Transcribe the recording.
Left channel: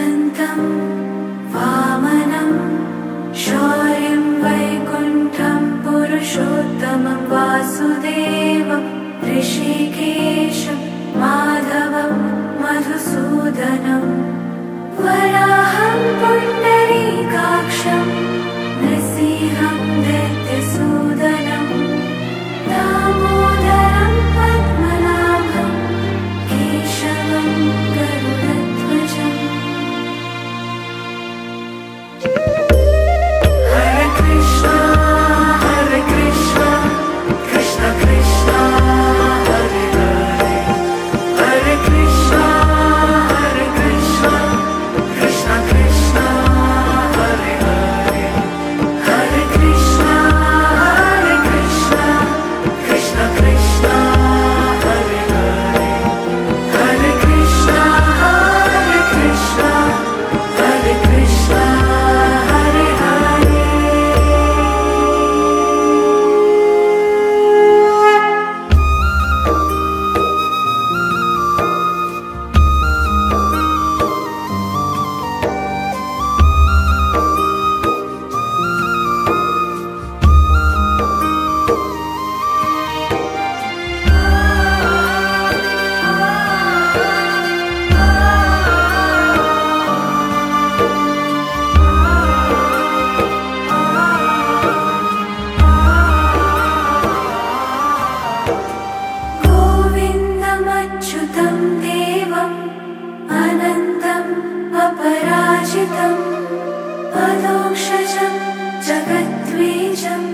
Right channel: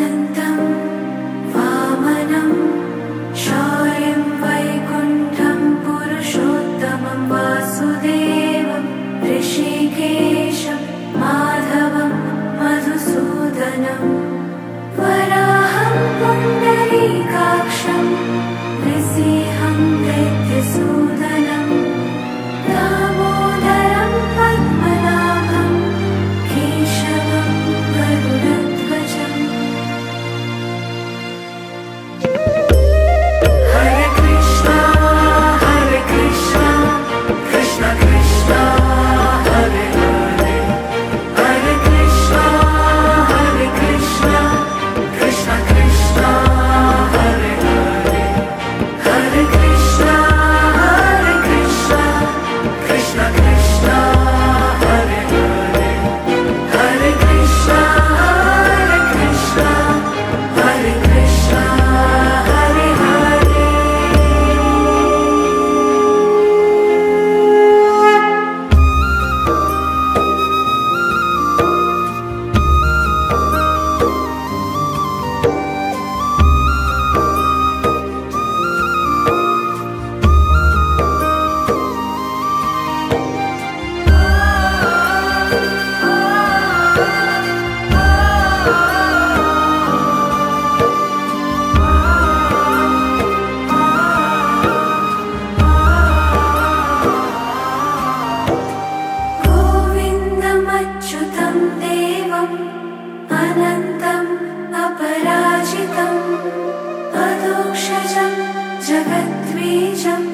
अनन्तं वामनं शौर्यं वैकुण्ठं पुरुषोत्तमं वासुदेवं ऋषिकेशं माधवं मधुसूदनं वराहं पुण्डरीकाक्षं नृसिंहं दैत्यसूदनं दामोदरं पद्मनाभं केशवं गरुडध्वजम् हरे कृष्णा कृष्ण कृष्ण हरे हरे हरे कृष्णा कृष्ण कृष्ण हरे हरे हरे कृष्णा कृष्ण कृष्ण हरे हरे हरे कृष्णा हरे कृष्णा हरे हरे। गोविन्दमच्युतं देवम् अनन्तम् अपराजितम् अदोक्षजं जगद्बीजम्